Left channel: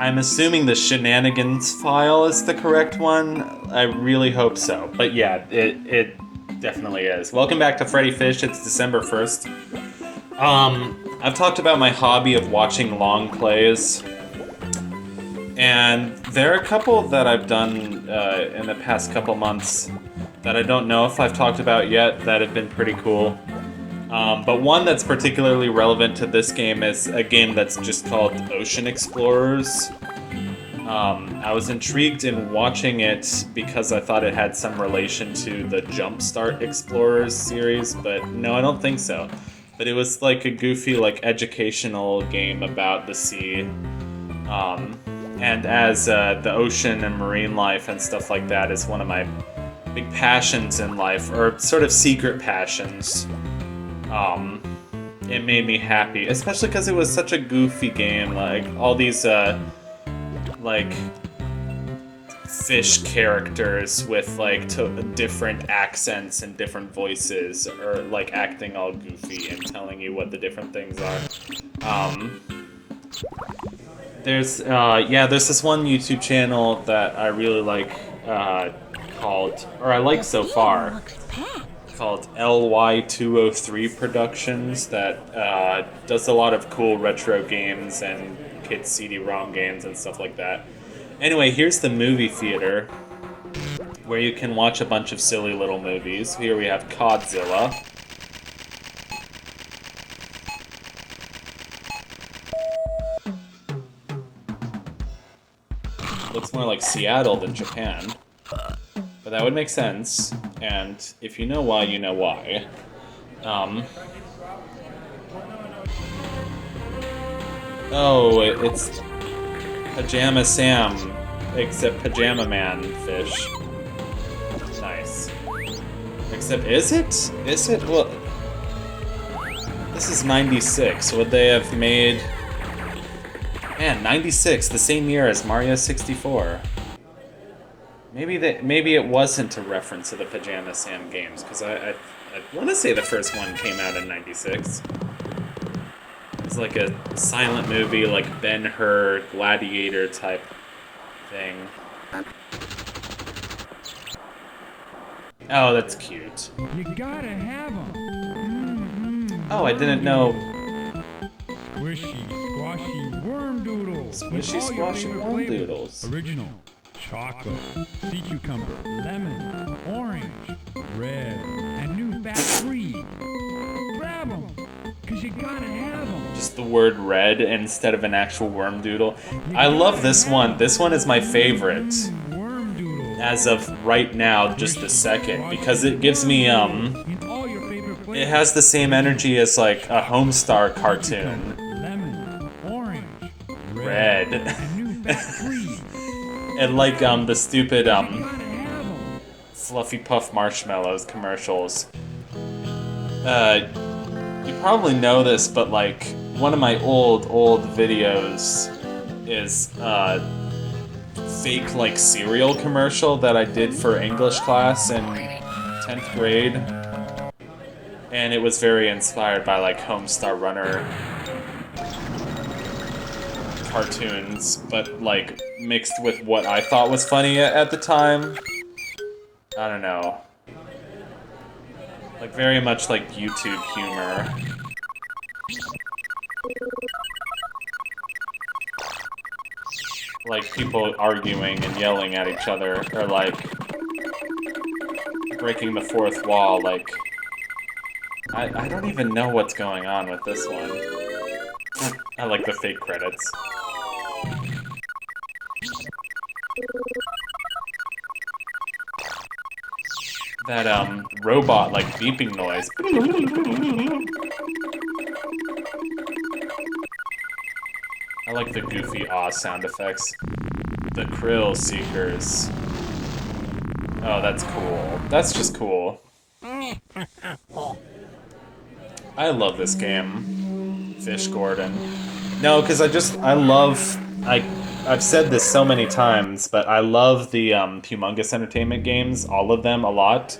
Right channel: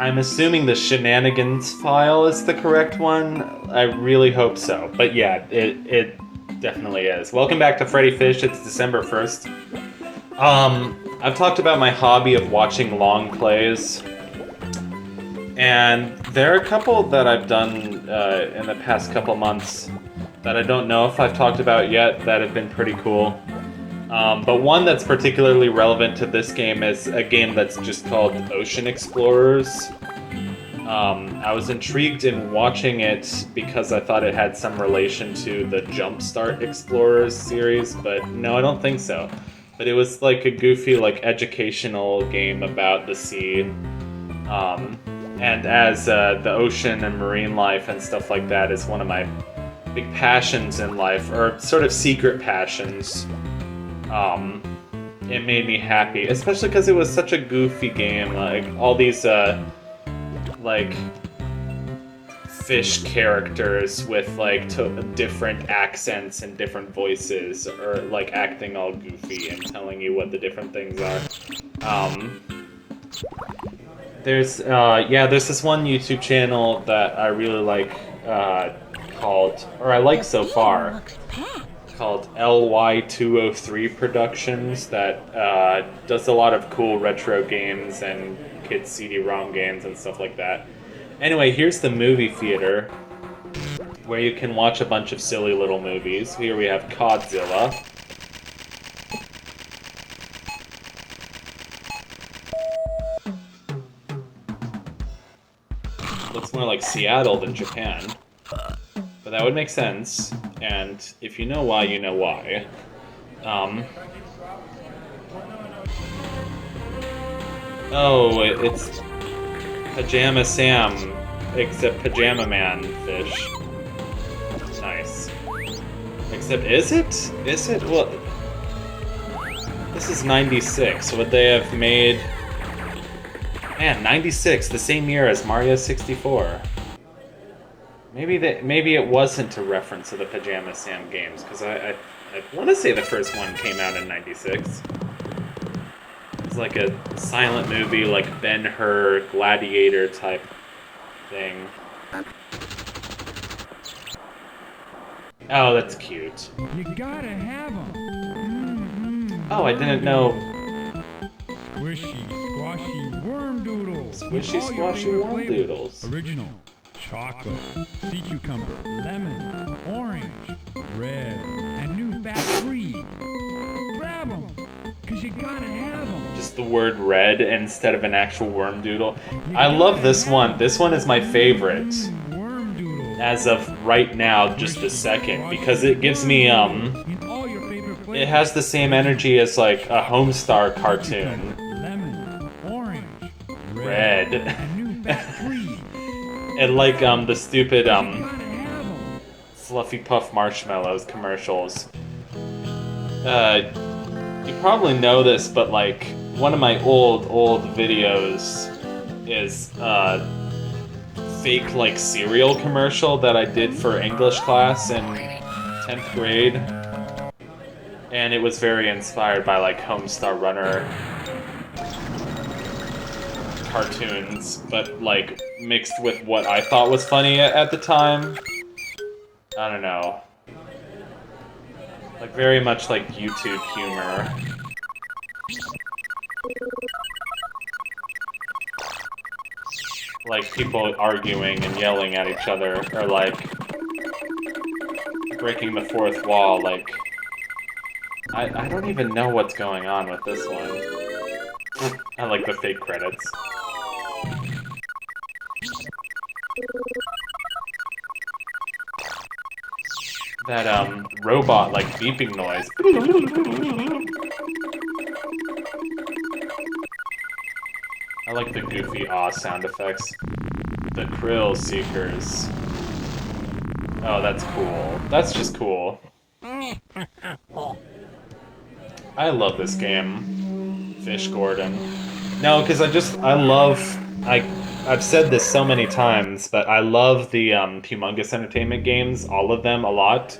I'm assuming the shenanigans file is the correct one. I really hope so. But yeah, it definitely is. Welcome back to Freddi Fish. It's December 1st. I've talked about my hobby of watching long plays, and there are a couple that I've done in the past couple months that I don't know if I've talked about yet that have been pretty cool. But one that's particularly relevant to this game is a game that's just called Ocean Explorers. I was intrigued in watching it because I thought it had some relation to the Jumpstart Explorers series, but no, I don't think so. But it was like a goofy, like educational game about the sea. And as the ocean and marine life and stuff like that is one of my big passions in life, or sort of secret passions, it made me happy, especially because it was such a goofy game. Like all these like fish characters with like different accents and different voices, or like acting all goofy and telling you what the different things are. There's this one YouTube channel that I really like I like so far, called LY203 Productions, that does a lot of cool retro games and kids CD-ROM games and stuff like that. Anyway, here's the movie theater, where you can watch a bunch of silly little movies. Here we have Godzilla. Looks more like Seattle than Japan. But that would make sense, and if you know why, you know why. Oh, it's Pajama Sam, except Pajama Man fish. Nice. Except, is it? Is it? Well, this is 96. Would they have made... Man, 96, the same year as Mario 64. Maybe it wasn't a reference to the Pajama Sam games, because I want to say the first one came out in 96. It's like a silent movie, like Ben-Hur, Gladiator type thing. Oh, that's cute. You gotta have them. Oh, I didn't know. Squishy, squashy worm doodles. Squishy, squashy worm doodles. Original. Chocolate, sea cucumber, lemon, orange, red, and new Ep.3. Grab them, because you gotta have them. Just the word red instead of an actual worm doodle. I love this one. This one is my favorite. Worm doodle. As of right now, just a second, because it gives me, it has the same energy as, like, a Homestar cartoon. Lemon, orange, Red. and new Ep.3. And like the stupid Fluffy Puff Marshmallows commercials. You probably know this, but like one of my old videos is fake like cereal commercial that I did for English class in 10th grade. And it was very inspired by like Homestar Runner cartoons, but like mixed with what I thought was funny at the time. I don't know. Like very much like YouTube humor. Like people arguing and yelling at each other, or like breaking the fourth wall, like... I don't even know what's going on with this one. I like the fake credits. That, robot, like, beeping noise. I like the goofy aw sound effects. The Krill Seekers. Oh, that's cool. That's just cool. I love this game. Fish Gordon. No, because I've said this so many times, but I love the Humongous Entertainment games, all of them, a lot.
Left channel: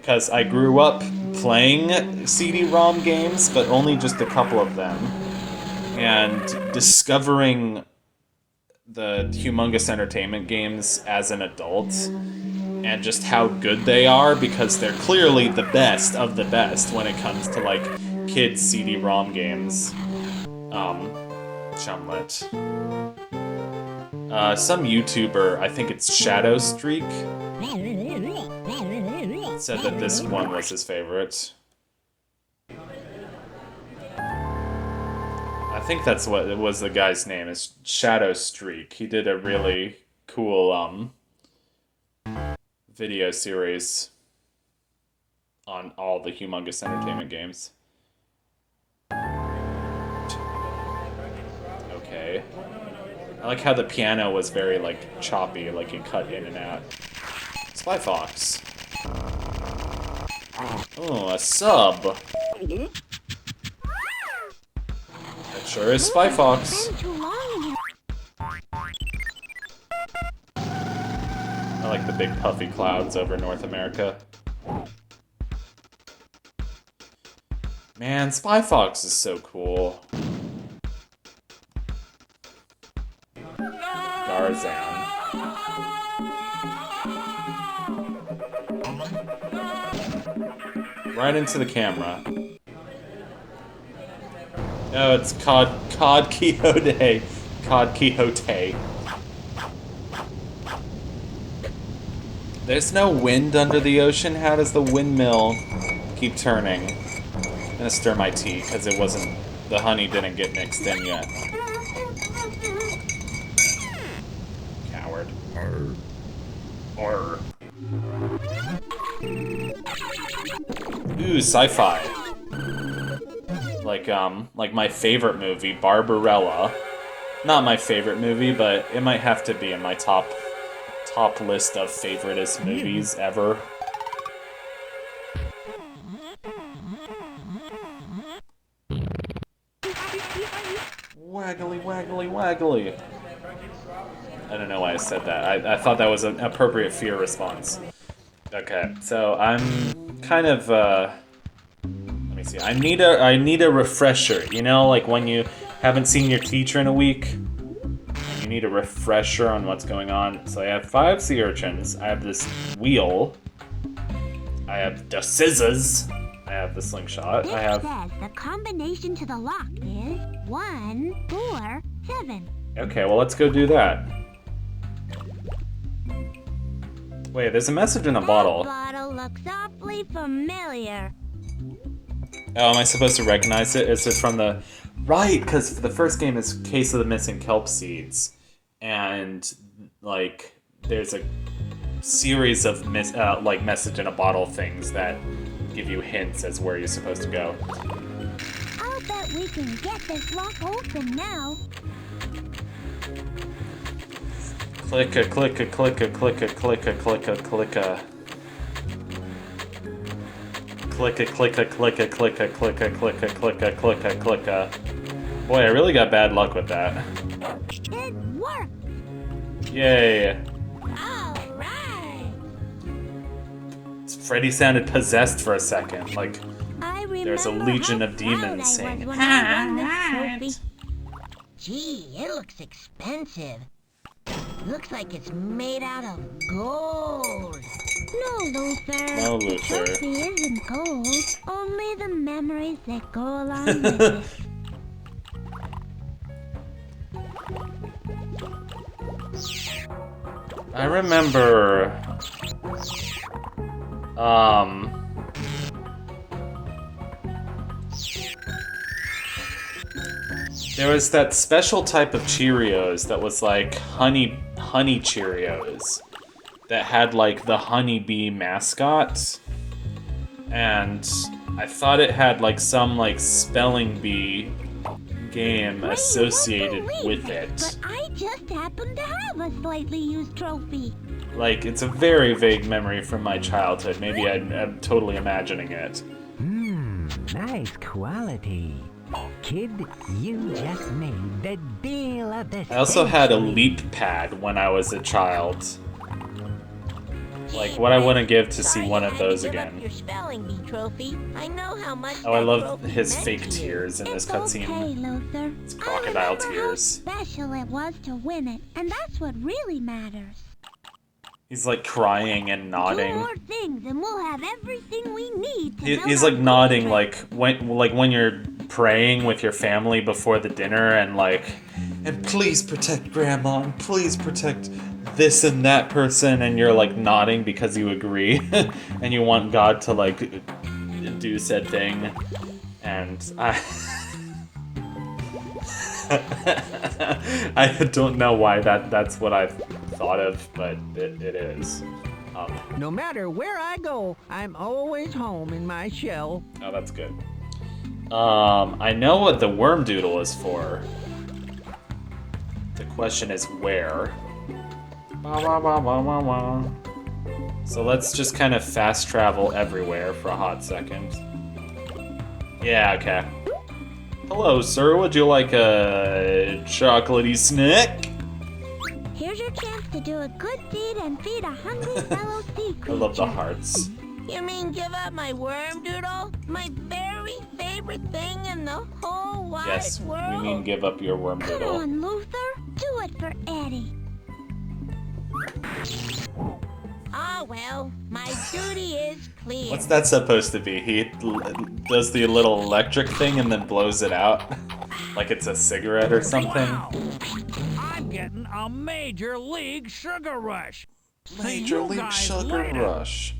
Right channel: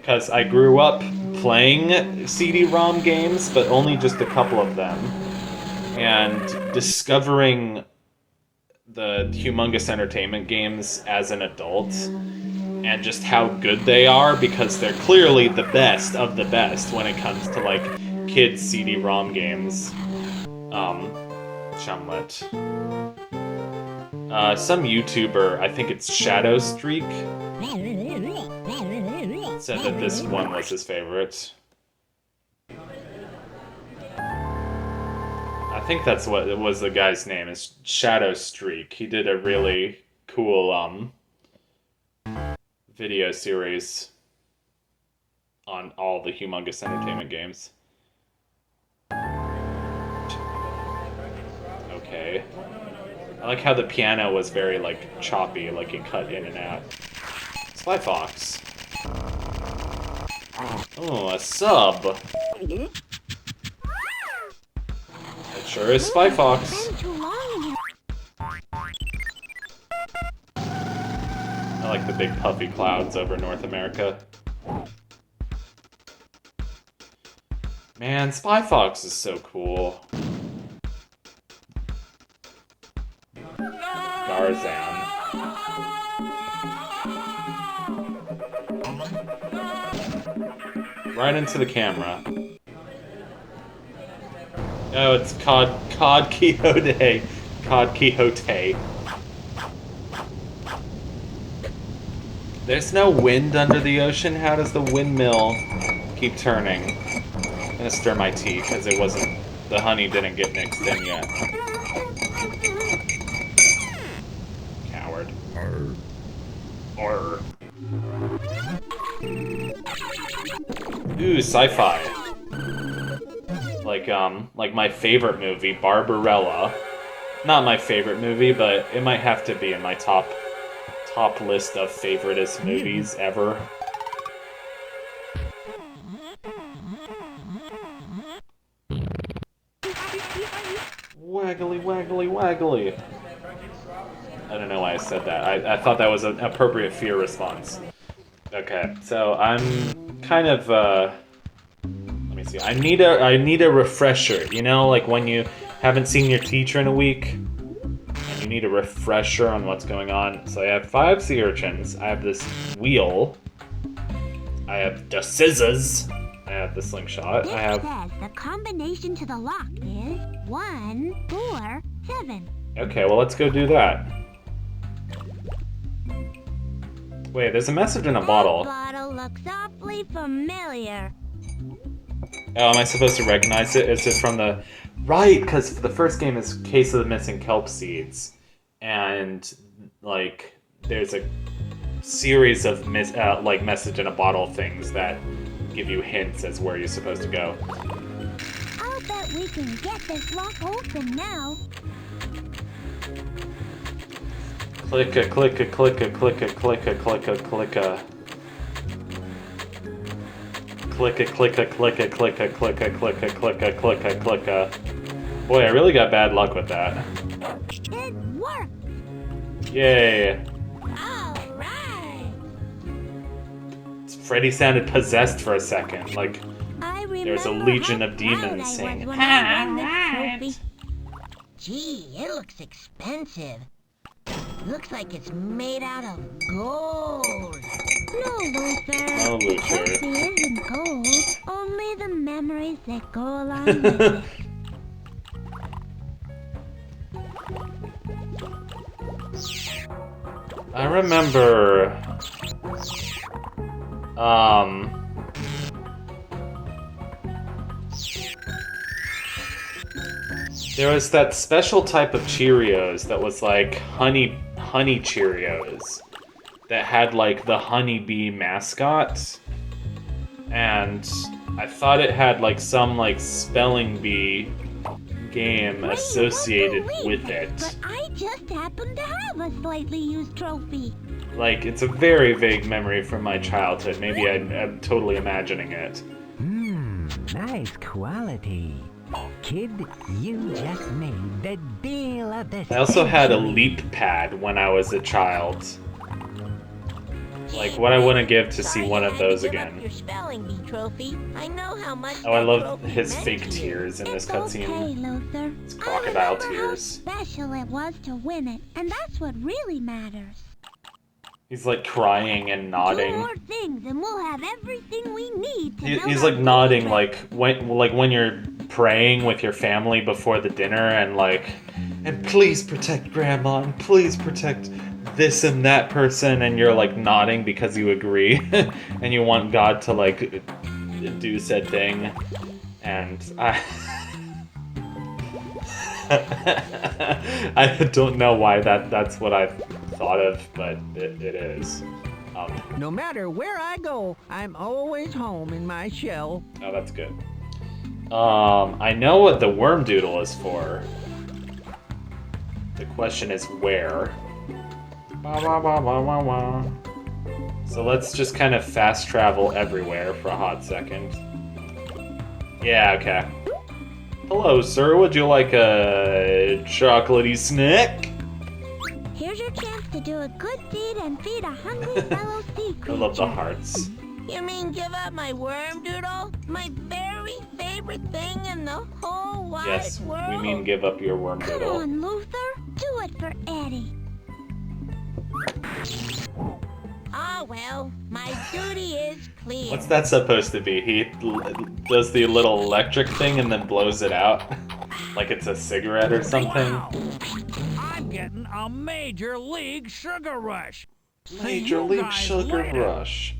Because I grew up playing CD-ROM games, but only just a couple of them. And discovering the Humongous Entertainment games as an adult and just how good they are because they're clearly the best of the best when it comes to like kids CD-ROM games. Chumlet. Some YouTuber, I think it's Shadow Streak, said that this one was his favorite. I think that's what it was. The guy's name is Shadow Streak. He did a really cool video series on all the Humongous Entertainment games. Okay. I like how the piano was very like choppy, like you cut in and out. Spy Fox. Oh, a sub. It sure is Spy Fox. I like the big puffy clouds over North America. Man, Spy Fox is so cool. Tarzan. Right into the camera. Oh, it's Cod Quixote. Cod Quixote. There's no wind under the ocean. How does the windmill keep turning? I'm gonna stir my tea because it wasn't. The honey didn't get mixed in yet. Coward. Or. Ooh, sci-fi. Like my favorite movie, Barbarella. Not my favorite movie, but it might have to be in my top list of favoriteest movies ever. Waggly, waggly, waggly. I don't know why I said that. I thought that was an appropriate fear response. Okay, so I'm kind of, let me see. I need a refresher, you know, like when you haven't seen your teacher in a week, and you need a refresher on what's going on. So I have 5 sea urchins, I have this wheel, I have the scissors, I have the slingshot, I have... It says the combination to the lock is 1, 4, 7. Okay, well let's go do that. Wait, there's a message in the bottle. That bottle looks awfully familiar. Oh, am I supposed to recognize it? Is it from the... Right, because the first game is Case of the Missing Kelp Seeds. And, like, there's a series of, like, message in a bottle things that give you hints as where you're supposed to go. I'll bet we can get this lock open now. Clicka, clicka, clicka, clicka, clicka, clicka, clicka. Clicka, clicka, clicka, clicka, clicka, clicka, clicka, clicka, clicka. Boy, I really got bad luck with that. It worked! Yay! Alright! Freddi sounded possessed for a second, like I there's a remember legion how of demons proud I was saying, when I won this trophy. Gee, it looks expensive. Looks like it's made out of gold. No, Luther. No, The Luther. trophy isn't gold. Only the memories that go along with it. I remember, there was that special type of Cheerios that was like honey Cheerios that had like the honeybee mascot, and I thought it had like some like spelling bee game Well, you associated won't believe with it. But I just happen to have a slightly used trophy. Like, it's a very vague memory from my childhood. Maybe I'm totally imagining it. Nice quality. Kid, you just made the deal of the I also had a century. leap pad when I was a child. Like, what I wouldn't give to see Sorry one I of had to those give again. Up your spelling bee trophy. I know how much Oh, I that love trophy his meant fake to you. tears in this It's okay, cutscene. Luther. It's I crocodile remember how tears. special it was to win it, and that's what really matters. He's like crying and 2 nodding. more things, and we'll have everything we need to build He's our like nodding, bootstrap. like when you're praying with your family before the dinner, and like, and please protect Grandma, and please protect this and that person, and you're like nodding because you agree, and you want God to like do said thing, and I don't know why that's what I thought of, but it is. No matter where I go, I'm always home in my shell. Oh, that's good. I know what the worm doodle is for. The question is where. So let's just kind of fast travel everywhere for a hot second. Yeah, okay. Hello, sir. Would you like a chocolatey snack? Here's your chance to do a good deed and feed a hungry fellow sea I creature. love the hearts. You mean give up my worm doodle? My very favorite thing in the whole wide Yes, world? we mean give up your worm Come doodle. on, Luther. Do it for Eddie. Ah, well, my duty is clear. What's that supposed to be? He does the little electric thing and then blows it out? Like it's a cigarette or something? Wow! I'm getting a major league sugar rush. See Major you League guys Sugar later. Rush.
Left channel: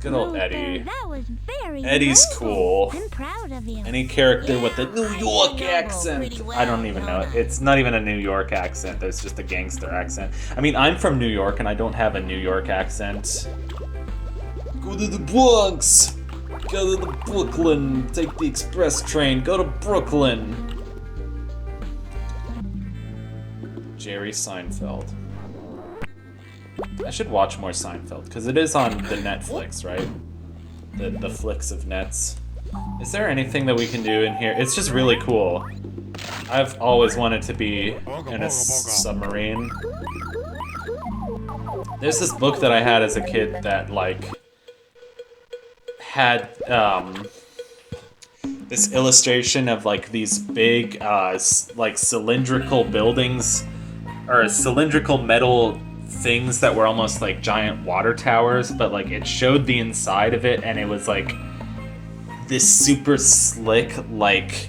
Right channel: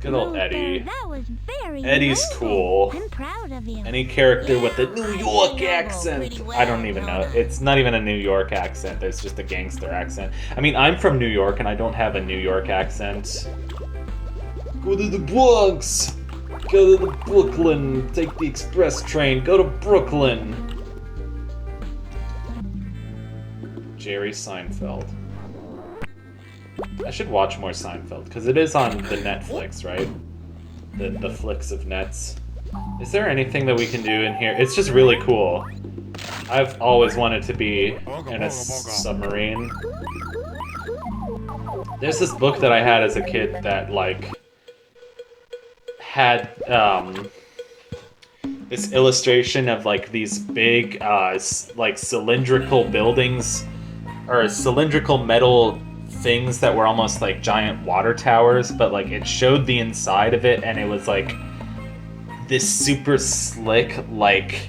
Good old Luther, Eddie. that was very Eddie's noble. cool. I'm proud of you. Any character with a Yeah, New I York know accent. pretty well, I don't even know. don't I? It's not even a New York accent. It's just a gangster accent. I mean, I'm from New York and I don't have a New York accent. Go to the Bronx. Go to the Brooklyn. Take the express train. Go to Brooklyn. Jerry Seinfeld. I should watch more Seinfeld because it is on the Netflix, right? The flicks of nets. Is there anything that we can do in here? It's just really cool. I've always wanted to be in a submarine. There's this book that I had as a kid that like had this illustration of like these big like cylindrical buildings or cylindrical metal things that were almost like giant water towers, but like it showed the inside of it and it was like this super slick like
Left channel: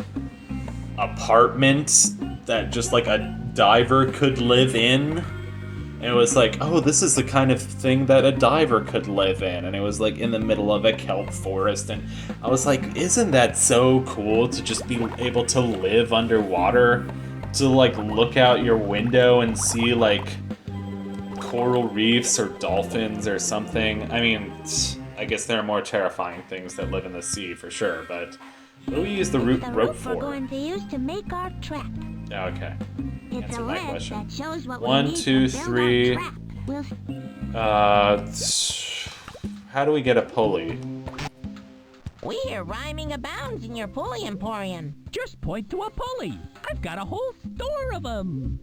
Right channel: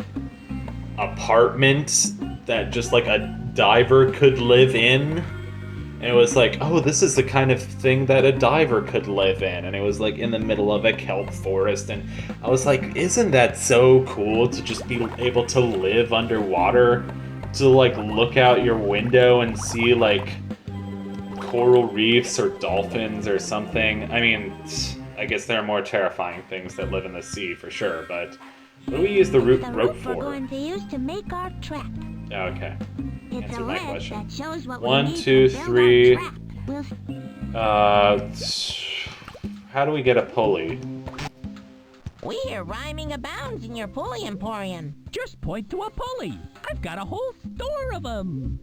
apartment that just like a diver could live in. And it was like, oh, this is the kind of thing that a diver could live in. And it was like in the middle of a kelp forest. And I was like, isn't that so cool to just be able to live underwater? To like look out your window and see like coral reefs or dolphins or something. I mean, I guess there are more terrifying things that live in the sea for sure, but what do we use the The rope rope for? we're going to use to make our trap. Okay. It's Answer a my list question. that shows what 1, we need 2, to build 3. our trap. We'll How do we get a pulley? We hear rhyming abounds in your pulley emporium. Just point to a pulley. I've got a whole store of them.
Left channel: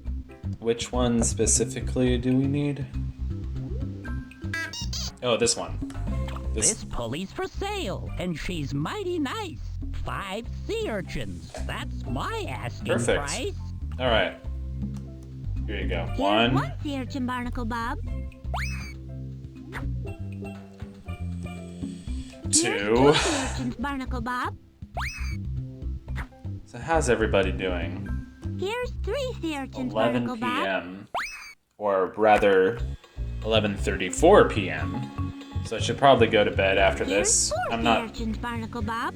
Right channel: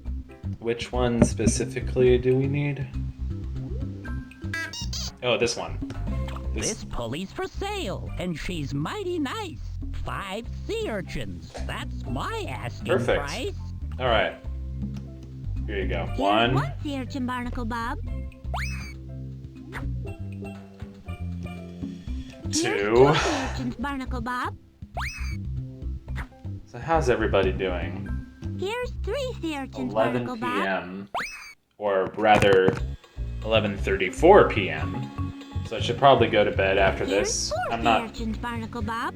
Which one specifically do we need? Oh, this one. This pulley's for sale, and she's mighty nice. 5 sea urchins. That's my asking Perfect. price. All right. Here you go. here's 1. one sea urchin, Barnacle Bob. Here's 2. 2 sea urchins, Barnacle Bob. So how's everybody doing? Here's 3 sea urchins, 11 Barnacle Bob. p.m. Or rather, 11:34 p.m. So I should probably go to bed after Here's this. 4 I'm sea not. urchins, Barnacle Bob.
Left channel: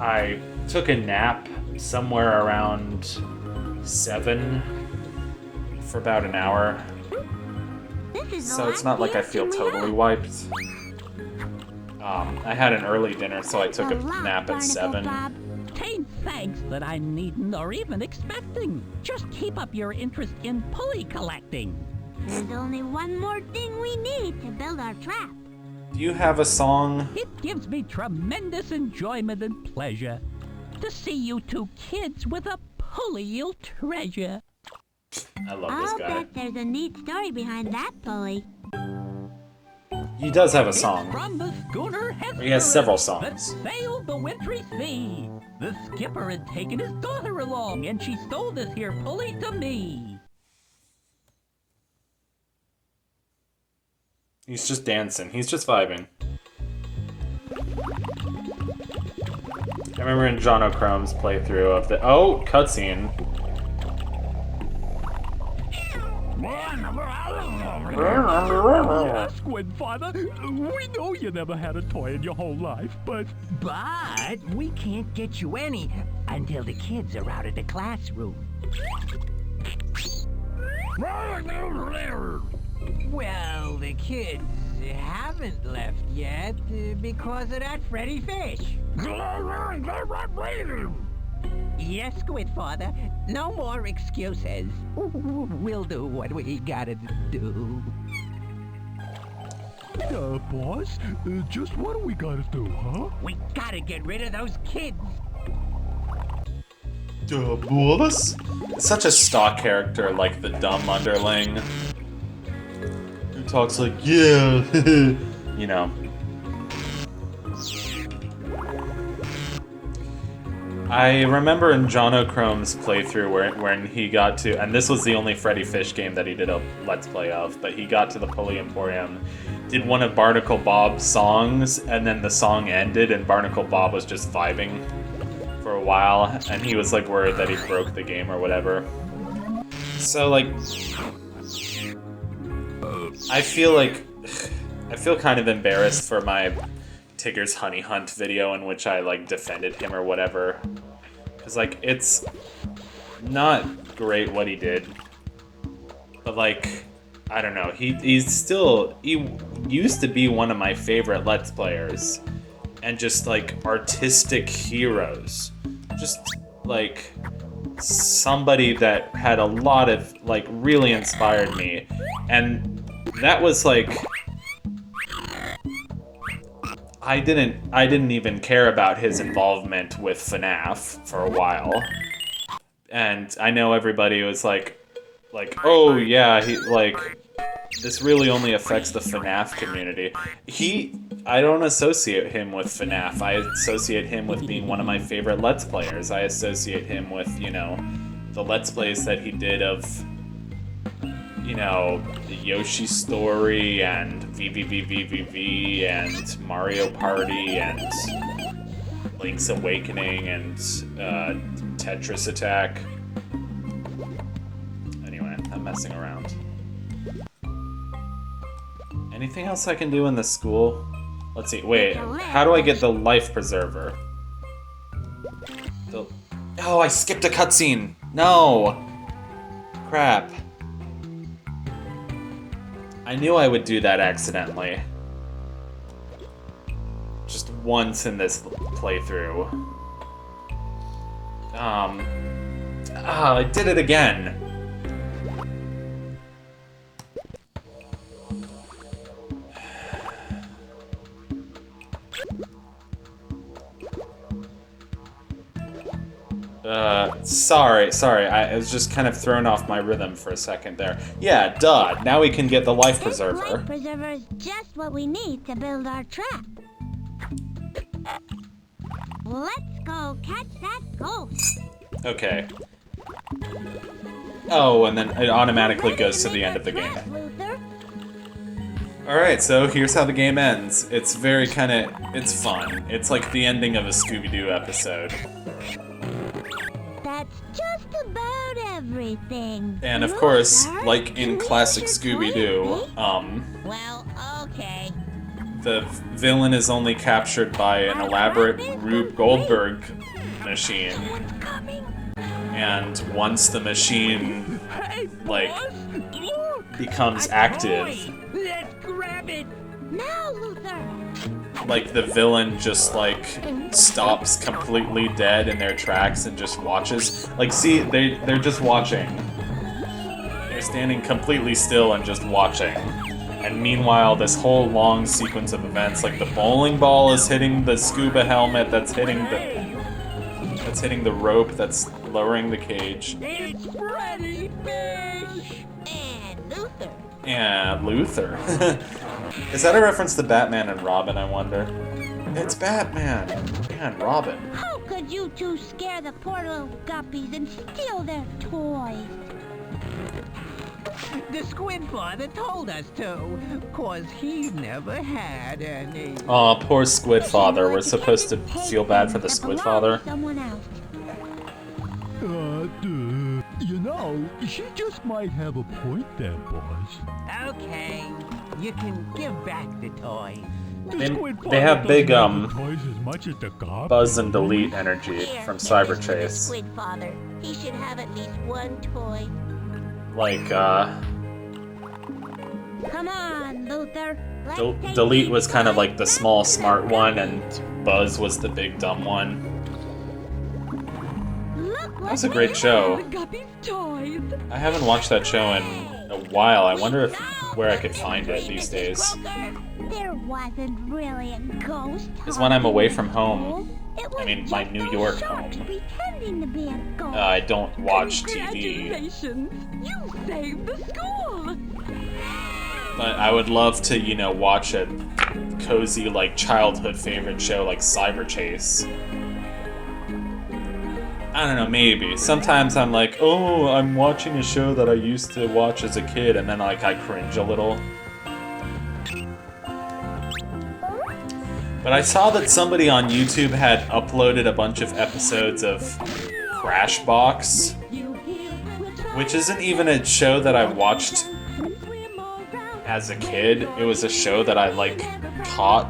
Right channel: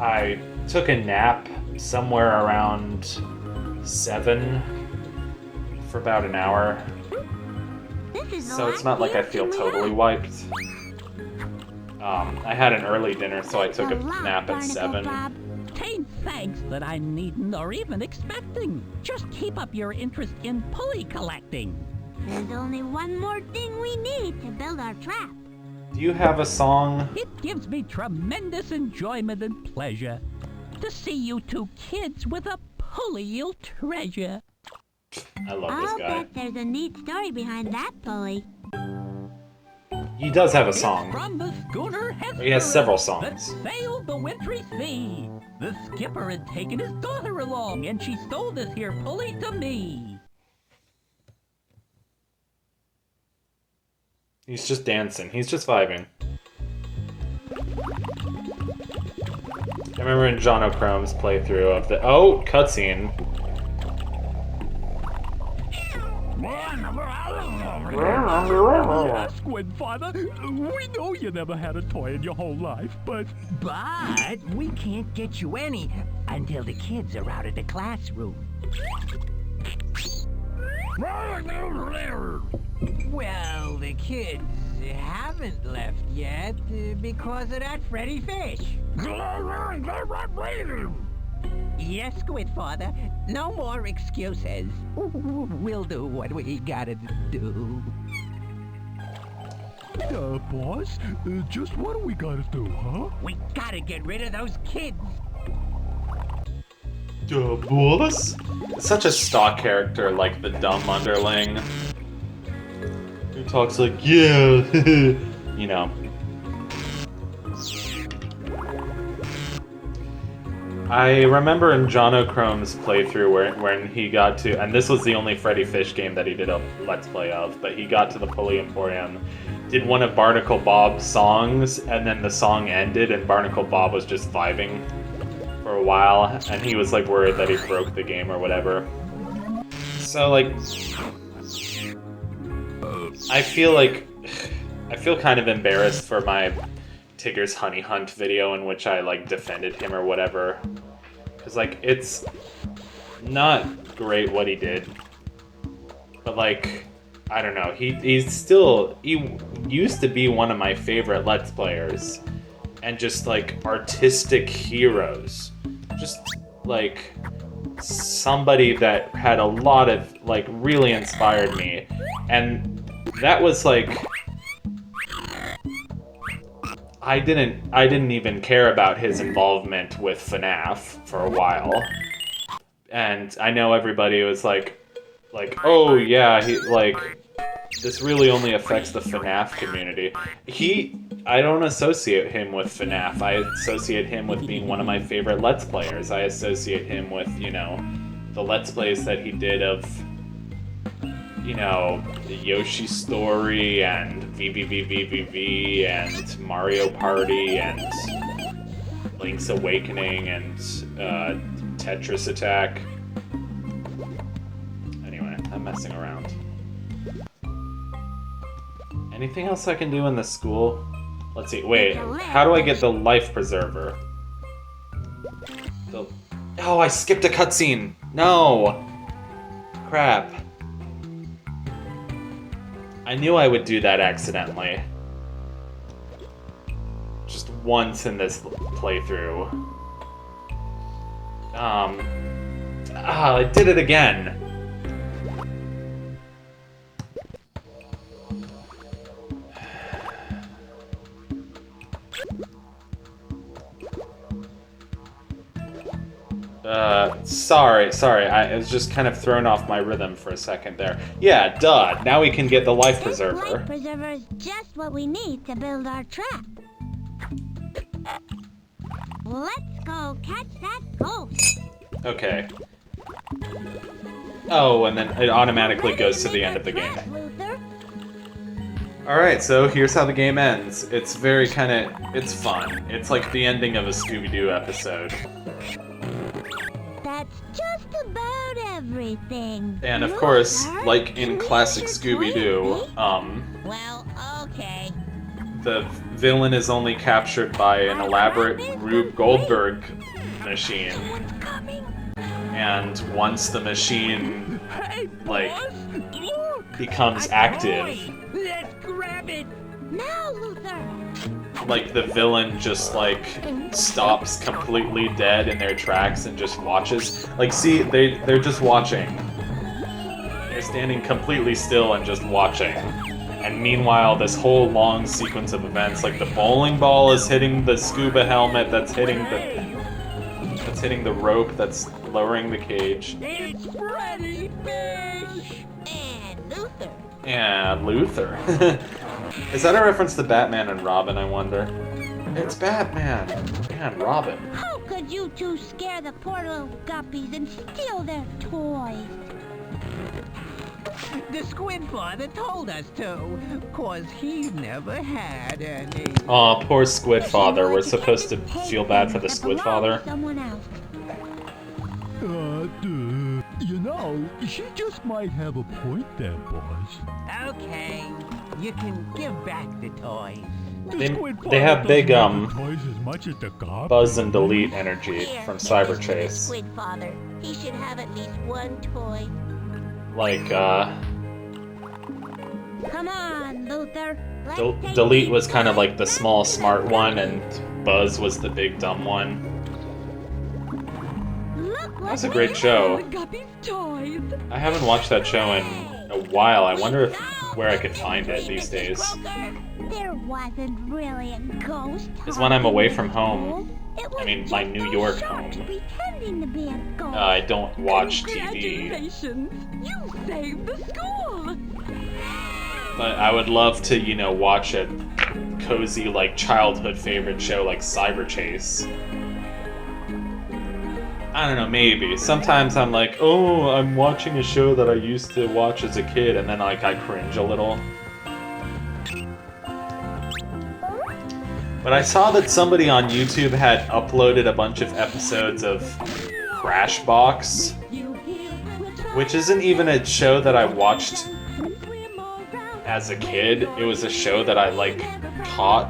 I took a nap somewhere around 7 for about an hour. This is the So it's last not like sea I feel urchin we totally have. wiped. I had an early dinner, so I Thanks took a lot, nap at Barnacle 7. Bob. Tain't thanks that I needn't or even expecting. Just keep up your interest in pulley collecting. There's only one more thing we need to build our trap. Do you have a song? It gives me tremendous enjoyment and pleasure to see you 2 kids with a pulley you'll treasure. I love I'll this guy. bet there's a neat story behind that pulley. He does have a song. From the schooner He has several that songs. sailed the wintry sea. The skipper had taken his daughter along, and she stole this here pulley to me. He's just dancing. He's just vibing. I remember in John O'Chrome's playthrough of the... Oh, cutscene. Yes, Squidfather. We know you never had a toy in your whole life, but But we can't get you any until the kids are out of the classroom. Well, the kids haven't left yet because of that Freddi fish. Yes, Squidfather. No more excuses. We'll do what we gotta do. boss, just what do we gotta do, huh? We gotta get rid of those kids. Boss? Such a stock character, like the dumb underling. Who talks like, yeah, you know. I remember in John O'Chrome's playthrough when he got to, and this was the only Freddi Fish game that he did a Let's Play of, but he got to the Pulley Emporium, did one of Barnacle Bob's songs, and then the song ended and Barnacle Bob was just vibing for a while, and he was like worried that he broke the game or whatever. So like, I feel kind of embarrassed for my Tigger's Honey Hunt video in which I like defended him or whatever, because like it's not great what he did, but like I don't know, he used to be one of my favorite Let's Players and just like artistic heroes, just like somebody that had a lot of like really inspired me, and that was like I didn't even care about his involvement with FNAF for a while, and I know everybody was like, oh yeah, he like this really only affects the FNAF community. I don't associate him with FNAF. I associate him with being one of my favorite Let's Players. I associate him with, you know, the Let's Plays that he did of, you know, the Yoshi Story and VVVVVV and Mario Party and Link's Awakening and Tetris Attack. Anyway, I'm messing around. Anything else I can do in the school? Let's see, wait, how do I get the life preserver? Oh, I skipped a cutscene! No! Crap. I knew I would do that accidentally. Just once in this playthrough. I did it again. Sorry, I was just kind of thrown off my rhythm for a second there. Yeah, duh, now we can get the life preserver. This life preserver is just what we need to build our trap. Let's go catch that ghost. Okay. Oh, and then it automatically goes to the end of the game. Alright, so here's how the game ends. It's very it's fun. It's like the ending of a Scooby-Doo episode. That's just about everything. And of course, like in classic Scooby-Doo, Well, okay. the villain is only captured by an elaborate Rube Goldberg machine. And once the machine, like, becomes active, Let's grab it. Now, Luther. like the villain just like stops completely dead in their tracks and just watches. Like, see, they're just watching. They're standing completely still and just watching. And meanwhile, this whole long sequence of events, like the bowling ball is hitting the scuba helmet, that's hitting the rope that's lowering the cage. It's Freddi Fish! And Luther. Yeah, Luther. Is that a reference to Batman and Robin, I wonder? It's Batman and Robin. How could you two scare the poor little guppies and steal their toys? The Squid Father told us to, 'cause he never had any. Oh, poor Squid If Father. you We're want to supposed to catch a feel bad for the that Squid belongs Father. to someone else. You know, she just might have a point there, boys. Okay, you can give back the toys. They have big, toys as much as the garbage. Buzz and Delete energy Here, from give this Cyber to the Chase. Squid Father. He should have at least one toy. Like, Come on, Luther. Let's take Delete these was kind of toys like the back small to the smart one, guppies. and Buzz was the big dumb one. Look That was what a great we show. have. Guppy's toys! I haven't watched that show in a while. I wonder where I could find it these days. There wasn't really a ghost. Because when I'm away from home, talking. It was I mean, my just New those York sharks home, pretending to be a ghost. I don't watch TV. Congratulations! You saved the school! But I would love to, you know, watch a cozy, like, childhood favorite show like Cyber Chase. I don't know, maybe. Sometimes I'm like, oh, I'm watching a show that I used to watch as a kid, and then, like, I cringe a little. But I saw that somebody on YouTube had uploaded a bunch of episodes of Crashbox, which isn't even a show that I watched as a kid. It was a show that I, like, caught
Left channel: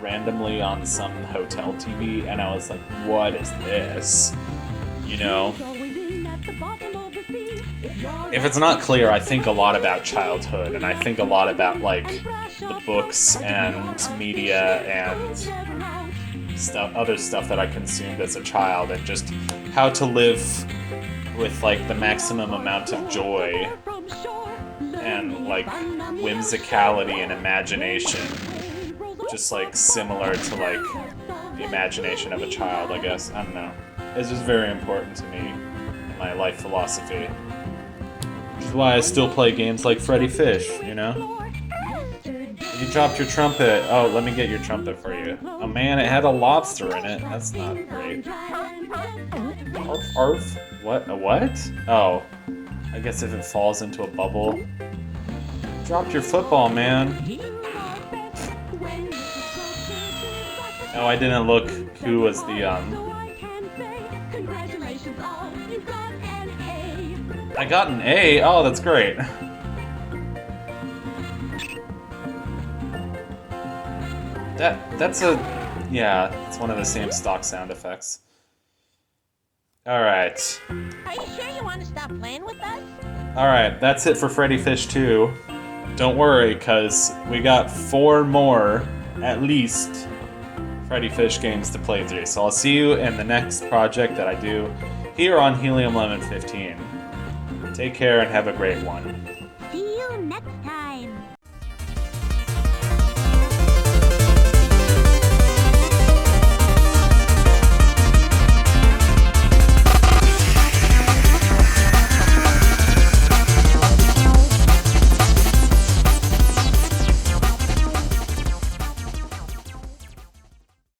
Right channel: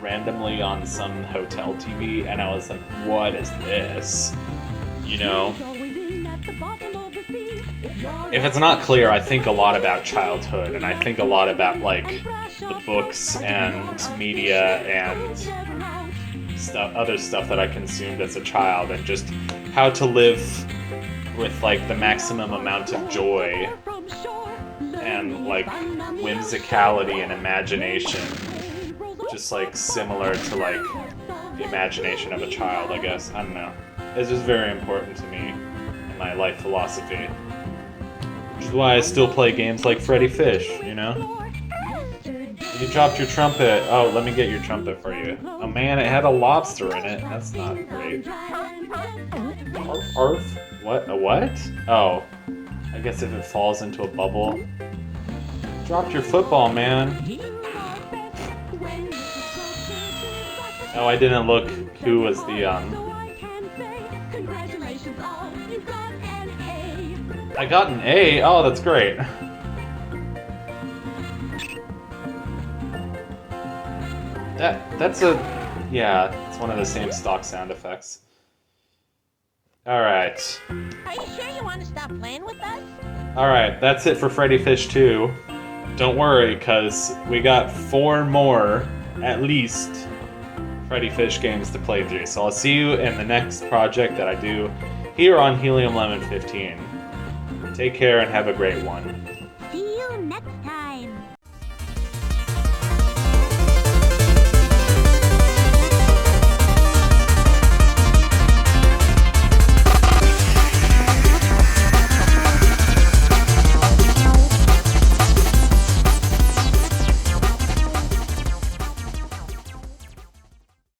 randomly on some hotel TV, and I was like, what is this? You know? If it's not clear, I think a lot about childhood, and I think a lot about, like, the books and media and other stuff that I consumed as a child, and just how to live with, like, the maximum amount of joy and, like, whimsicality and imagination, just, like, similar to, like, the imagination of a child, I guess. I don't know. It's just very important to me in my life philosophy. Which is why I still play games like Freddi Fish, you know? You dropped your trumpet. Oh, let me get your trumpet for you. Oh man, it had a lobster in it. That's not great. Arf? What? A what? Oh. I guess if it falls into a bubble. Dropped your football, man. Oh, I didn't look who was the, I got an A? Oh, that's great. That's a... yeah, it's one of the same stock sound effects. Alright. Are you sure you want to stop playing with us? Alright, that's it for Freddi Fish 2. Don't worry, because we got 4 more, at least, Freddi Fish games to play through. So I'll see you in the next project that I do here on Helium Lemon 15. Take care and have a great one.